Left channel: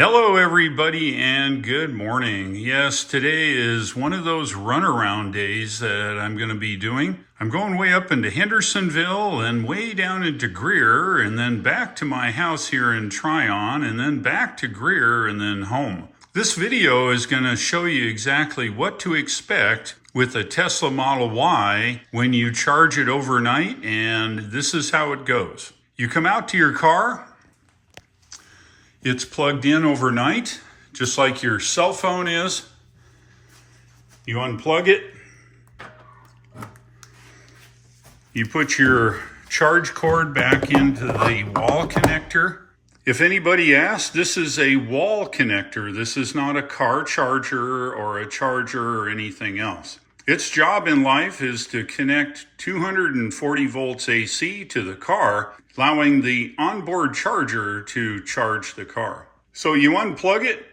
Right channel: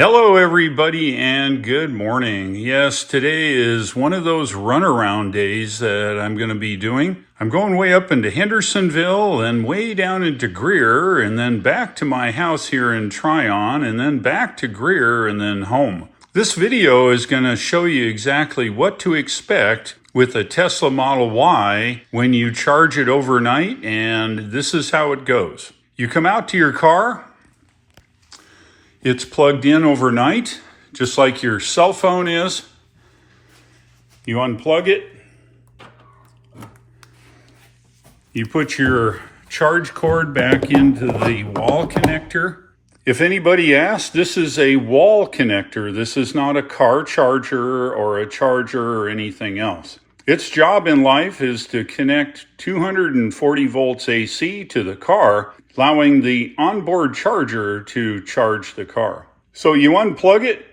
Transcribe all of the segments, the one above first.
Hello everybody and good morning. Yes, today is one of those runaround days that I'm going to be doing. I'm going way up into Hendersonville and way down into Greer and then back to my house here in Tryon and then back to Greer and then home. This video is going to show you exactly what to expect with a Tesla Model Y when you charge it overnight, and this is how it goes. You come out to your car. It's plugged in overnight, just like your cell phone is. You unplug it. You put your charge cord back into the wall connector. If anybody asks, this is a wall connector. This is not a car charger or a charger or anything else. Its job in life is to connect 240 volts AC to the car, allowing the onboard charger to charge the car. So you unplug it,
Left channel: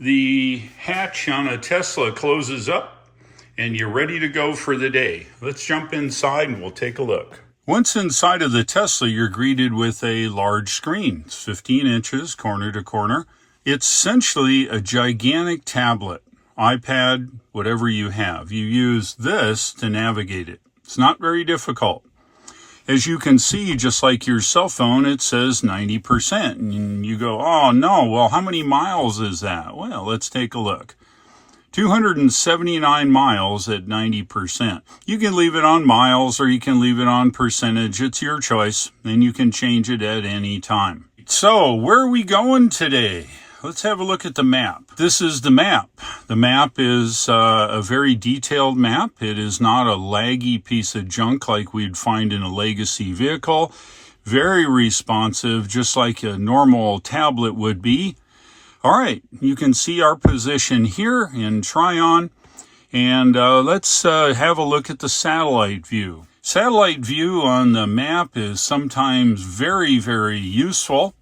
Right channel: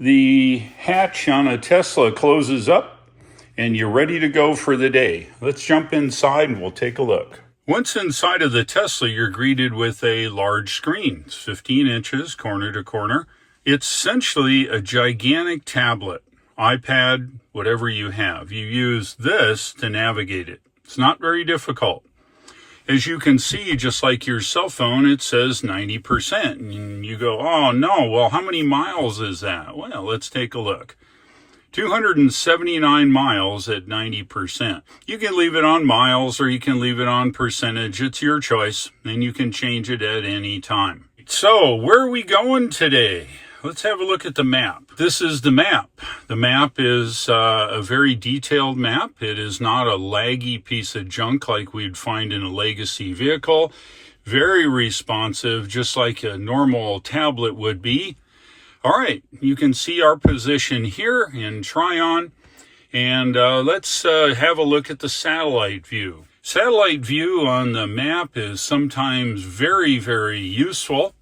the hatch on a Tesla closes up, and you're ready to go for the day. Let's jump inside and we'll take a look. Once inside of the Tesla, you're greeted with a large screen. It's 15 inches, corner to corner. It's essentially a gigantic tablet, iPad, whatever you have. You use this to navigate it. It's not very difficult. As you can see, just like your cell phone, it says 90%. And you go, oh no, well, how many miles is that? Well, let's take a look. 279 miles at 90%. You can leave it on miles or you can leave it on percentage. It's your choice, and you can change it at any time. So, where are we going today? Let's have a look at the map. This is the map. The map is a very detailed map. It is not a laggy piece of junk like we'd find in a legacy vehicle. Very responsive, just like a normal tablet would be. All right, you can see our position here in Tryon. And let's have a look at the satellite view. Satellite view on the map is sometimes very, very useful.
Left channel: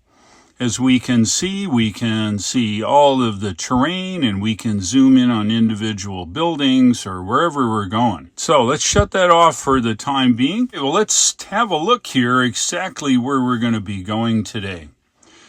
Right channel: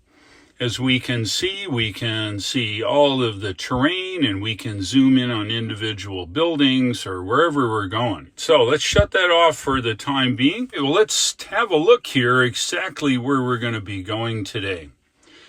As we can see all of the terrain, and we can zoom in on individual buildings or wherever we're going. So let's shut that off for the time being. Well, let's have a look here exactly where we're going to be going today.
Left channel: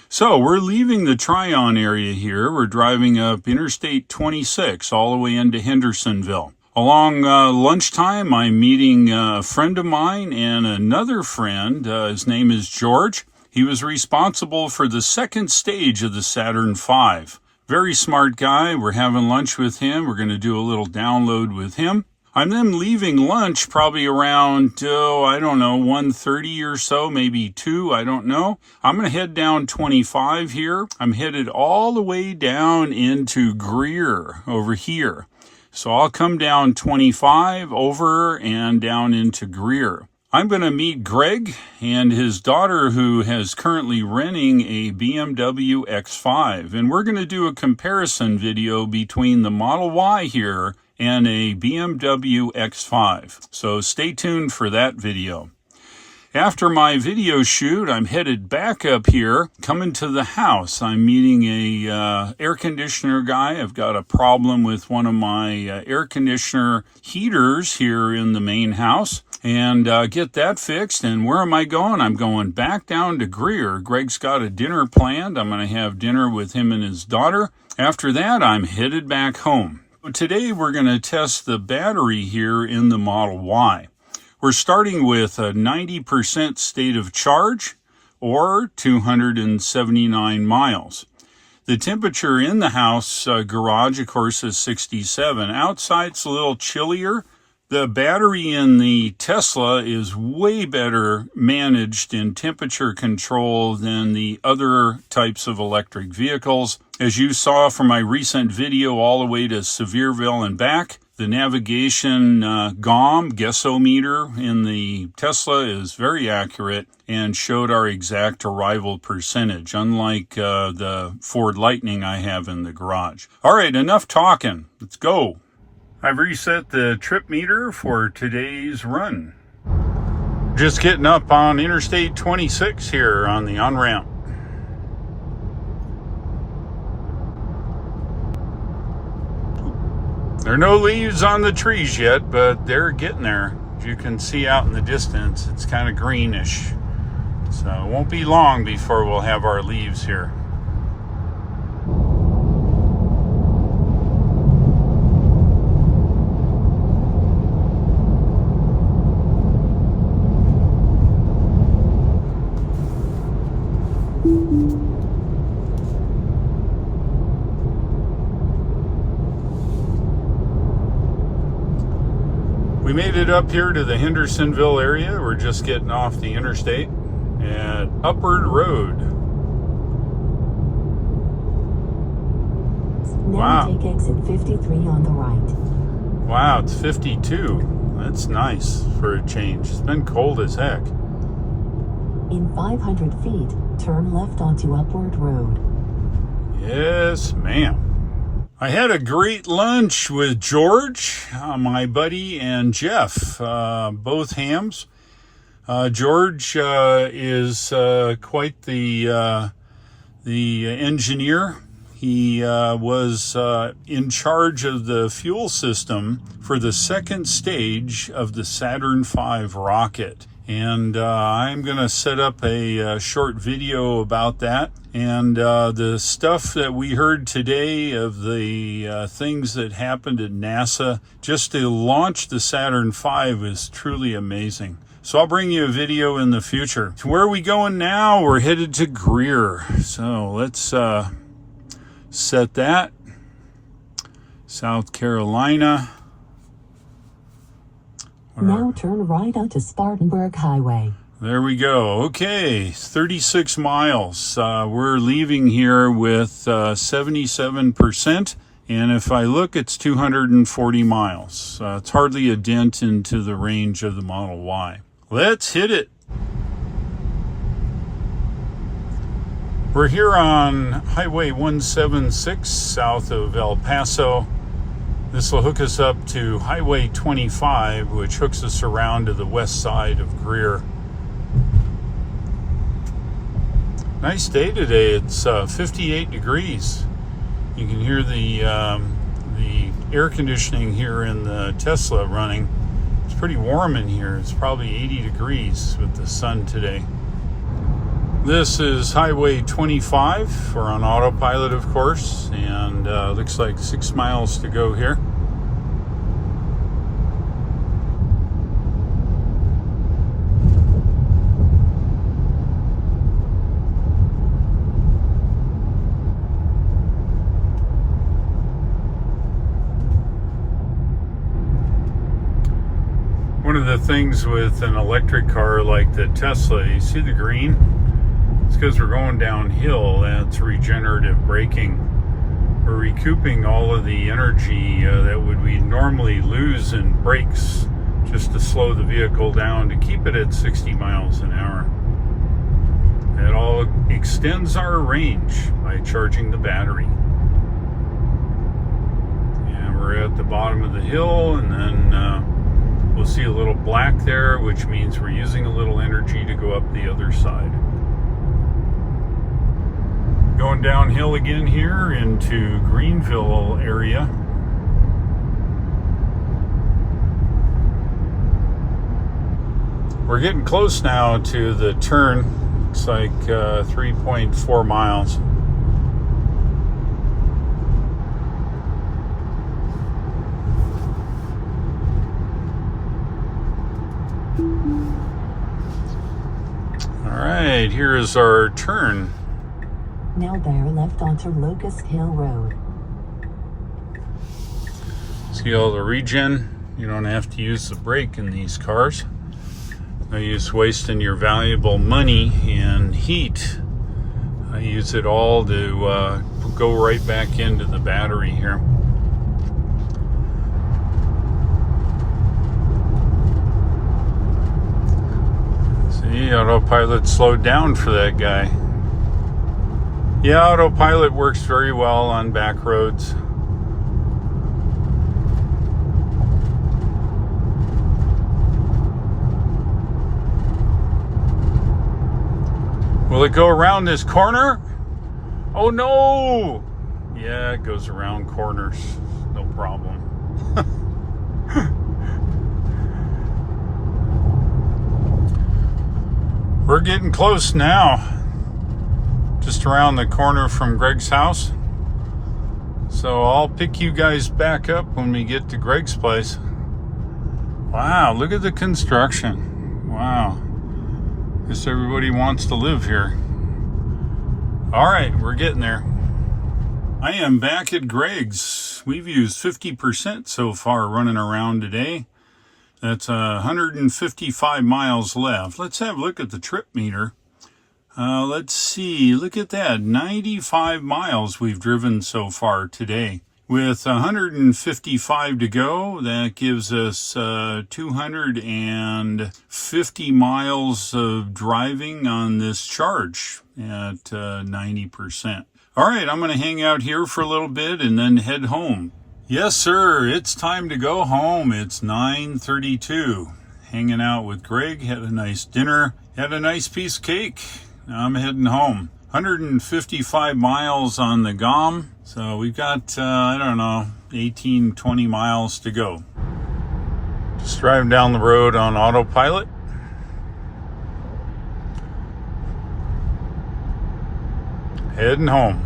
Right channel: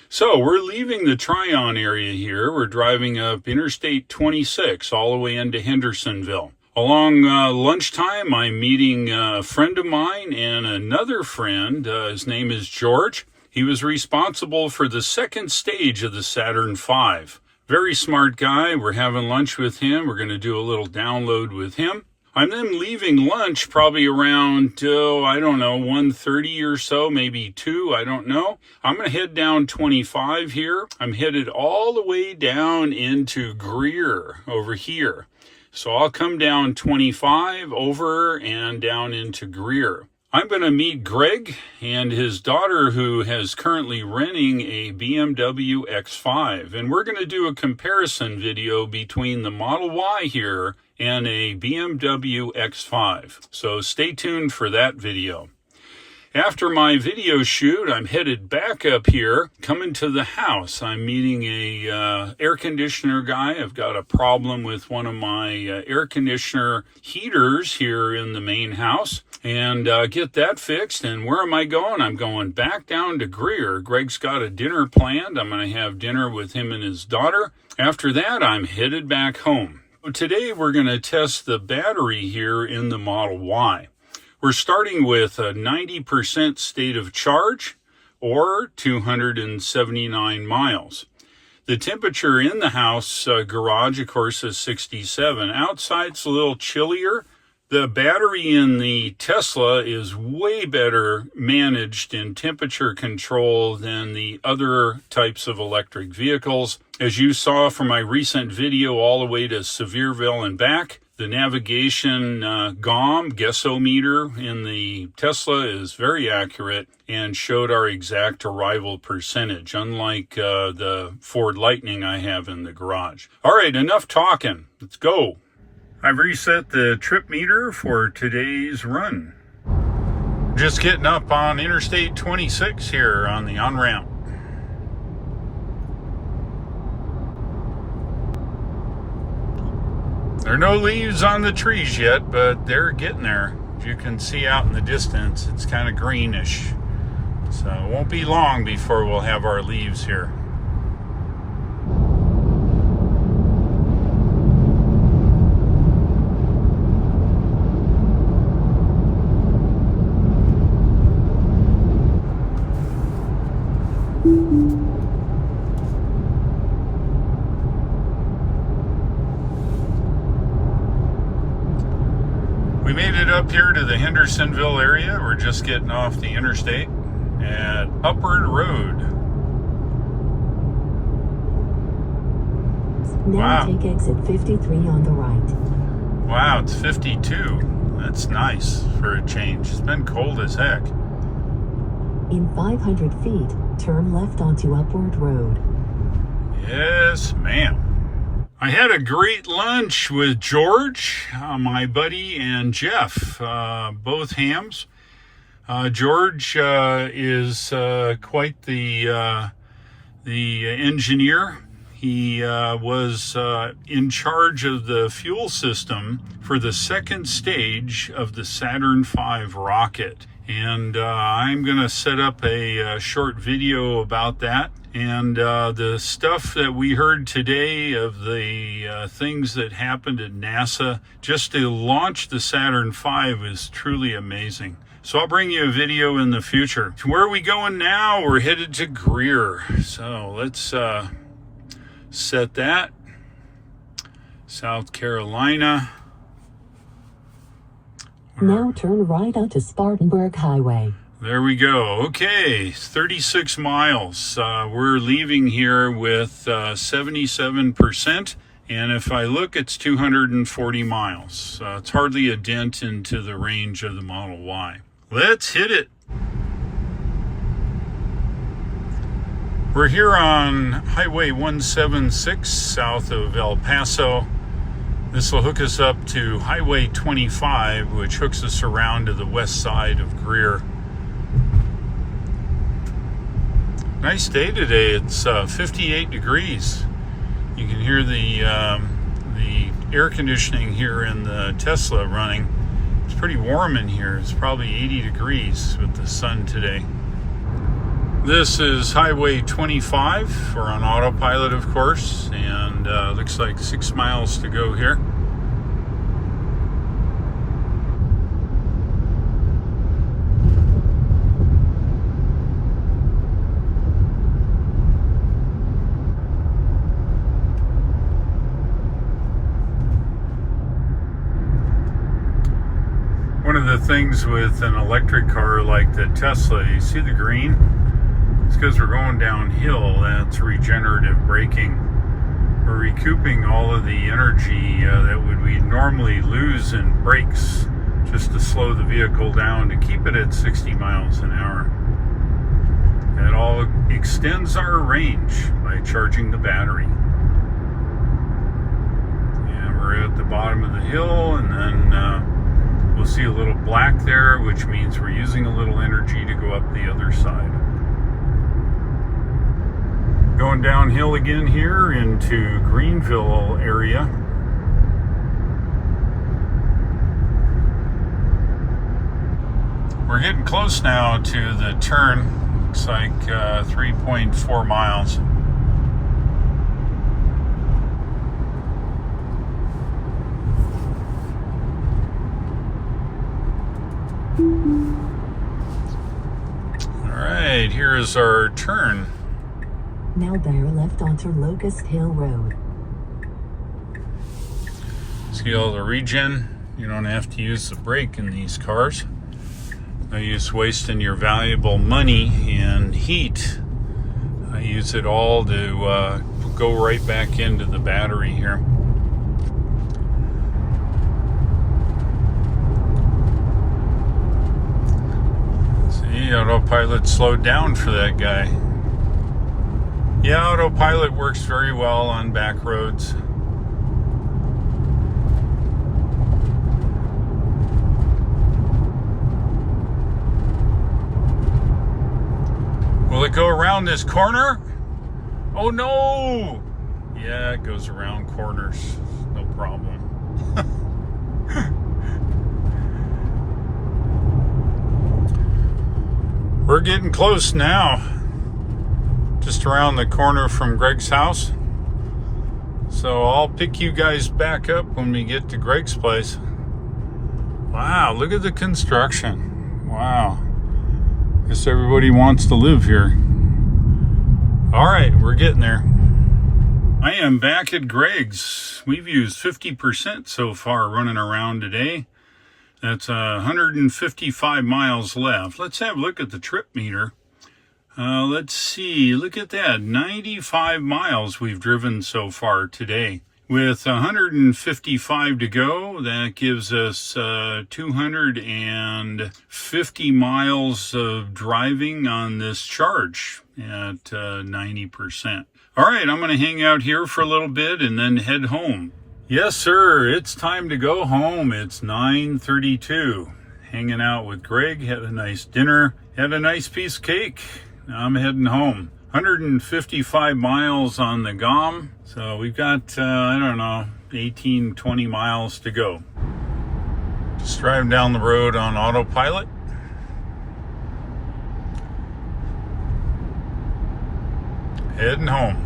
So we're leaving the Tryon area here. We're driving up Interstate 26 all the way into Hendersonville. Along lunchtime, I'm meeting a friend of mine and another friend. His name is George. He was responsible for the second stage of the Saturn V. Very smart guy. We're having lunch with him. We're going to do a little download with him. I'm then leaving lunch probably around, 1:30 or so, maybe 2, I don't know. I'm going to head down 25 here. I'm headed all the way down into Greer over here. So I'll come down 25 over and down into Greer. I'm going to meet Greg and his daughter, who is currently renting a BMW X5. And we're going to do a comparison video between the Model Y here and a BMW X5. So stay tuned for that video. After my video shoot, I'm headed back up here, coming to the house. I'm meeting a air conditioner guy. I've got a problem with one of my air conditioner heaters here in the main house. And get that fixed. And where am I going? I'm going back down to Greer. Greg's got a dinner planned. I'm going to have dinner with him and his daughter. After that, I'm headed back home. Today, we're going to test the battery here in the Model Y. We're starting with a 90% state of charge, or 279 miles. The temperature in the house garage, of course, is 67. Outside, it's a little chillier. The battery in the Tesla is way better managed in temperature control than the other types of electric vehicles. As you saw from my recent video all the way to Sevierville and back, the navigation guessometer in the Tesla is very accurate and showed our exact arrival percentage, unlike the Ford Lightning I have in the garage. All right, enough talking. Let's go. I've reset the trip meter for today's run. Just getting up on Interstate 26 here on the on-ramp. There are no leaves on the trees yet, but they're getting there. As you can see out in the distance, it's kind of greenish. So it won't be long before we'll have our leaves here. We made it up here to the Hendersonville area. We're just getting off the interstate at Upward Road. Now take exit 53 on the right. Wow, it's 52. That's nice for a change. It's been cold as heck. In 500 feet, turn left onto Upward Road. Yes, ma'am. I had a great lunch with George, my buddy, and Jeff, both hams. George is quite the engineer. He was in charge of the fuel system for the second stage of the Saturn V rocket. And I'm going to set up a short video about that. And the stuff that we heard today of the things that happened at NASA just to launch the Saturn V is truly amazing. So I'll bring you a video in the future. So where are we going now? We're headed to Greer. So let's set that. South Carolina. Now turn right onto Spartanburg Highway. There we go. Okay, 36 miles. We're leaving here with 77%. And if I look, it's 240 miles. It's hardly a dent into the range of the Model Y. Let's hit it. We're here on Highway 176 south of El Paso. This will hook us up to Highway 25, which hooks us around to the west side of Greer. Nice day today. It's 58 degrees. You can hear the air conditioning here in the Tesla running. It's pretty warm in here. It's probably 80 degrees with the sun today. This is Highway 25. We're on autopilot, of course, and looks like 6 miles to go here. One of the things with an electric car like the Tesla, you see the green? It's because we're going downhill. That's regenerative braking. We're recouping all of the energy that we normally lose in brakes just to slow the vehicle down to keep it at 60 miles an hour. It all extends our range by charging the battery. And we're at the bottom of the hill, and then we'll see a little black there, which means we're using a little energy to go up the other side. Going downhill again here into Greenville area. We're getting close now to the turn. Looks like 3.4 miles. All right, here is our turn. Now bear left onto Locust Hill Road. See all the regen? You don't have to use the brake in these cars. No use wasting your valuable money and heat. I use it all to go right back into the battery here. See, autopilot slowed down for that guy. Yeah, autopilot works very well on back roads. Will it go around this corner? Oh no! Yeah, it goes around corners. No problem. We're getting close now. Just around the corner from Greg's house. So I'll pick you guys back up when we get to Greg's place. Wow, look at the construction. Wow. Guess everybody wants to live here. All right, we're getting there. I am back at Greg's. We've used 50% so far running around today. That's 155 miles left. Let's have a look at the trip meter. Let's see, look at that, 95 miles we've driven so far today. With 155 to go, that gives us 250 miles of driving on this charge at 90%. All right, I'm going to hang out here for a little bit and then head home. Yes, sir, it's time to go home. It's 9:32. Hanging out with Greg, had a nice dinner, had a nice piece of cake. Now I'm heading home. 155 miles on the GOM. So we've got, 18, 20 miles to go. Just driving down the road on autopilot. Heading home.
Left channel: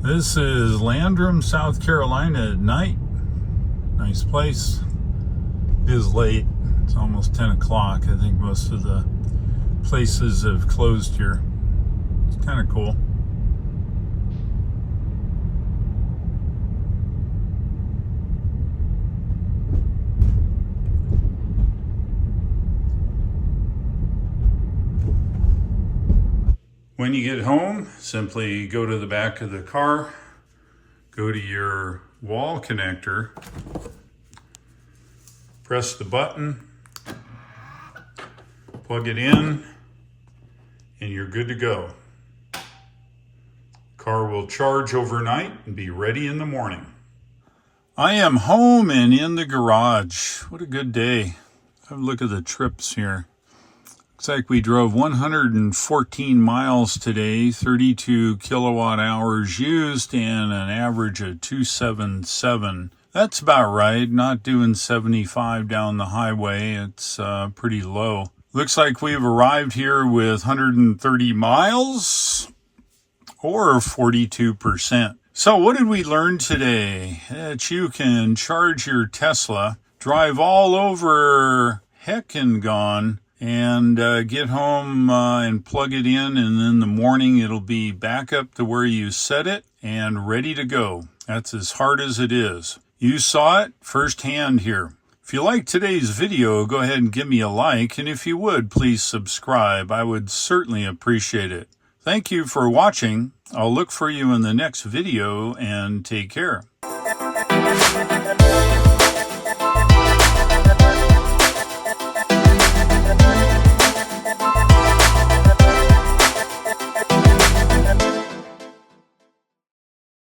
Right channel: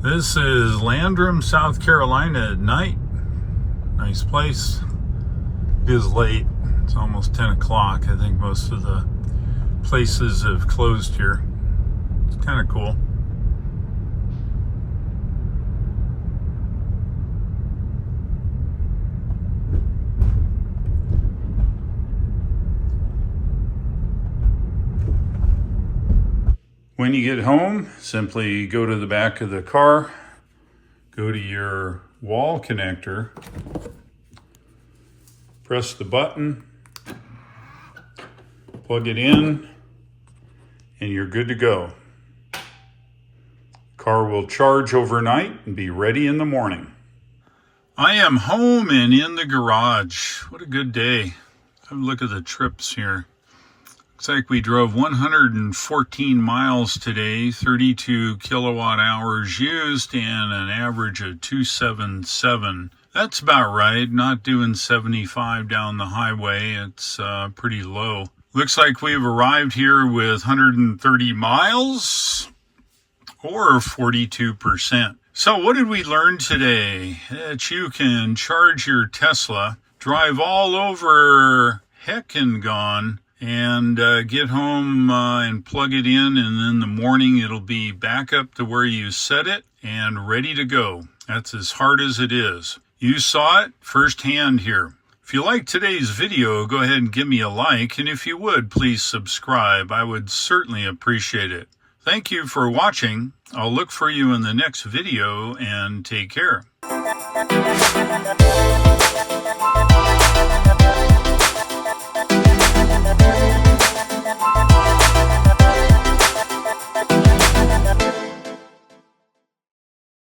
This is Landrum, South Carolina at night. Nice place. It is late. It's almost 10 o'clock. I think most of the places have closed here. It's kind of cool. When you get home, simply go to the back of the car, go to your wall connector, press the button, plug it in, and you're good to go. Car will charge overnight and be ready in the morning. I am home and in the garage. What a good day. Have a look at the trips here. Looks like we drove 114 miles today, 32 kilowatt hours used, and an average of 277. That's about right, not doing 75 down the highway. It's pretty low. Looks like we've arrived here with 130 miles, or 42%. So what did we learn today? That you can charge your Tesla, drive all over heck and gone, and get home and plug it in, and in the morning it'll be back up to where you set it and ready to go. That's as hard as it is. You saw it firsthand here. If you liked today's video, go ahead and give me a like, and if you would, please subscribe. I would certainly appreciate it. Thank you for watching. I'll look for you in the next video, and take care.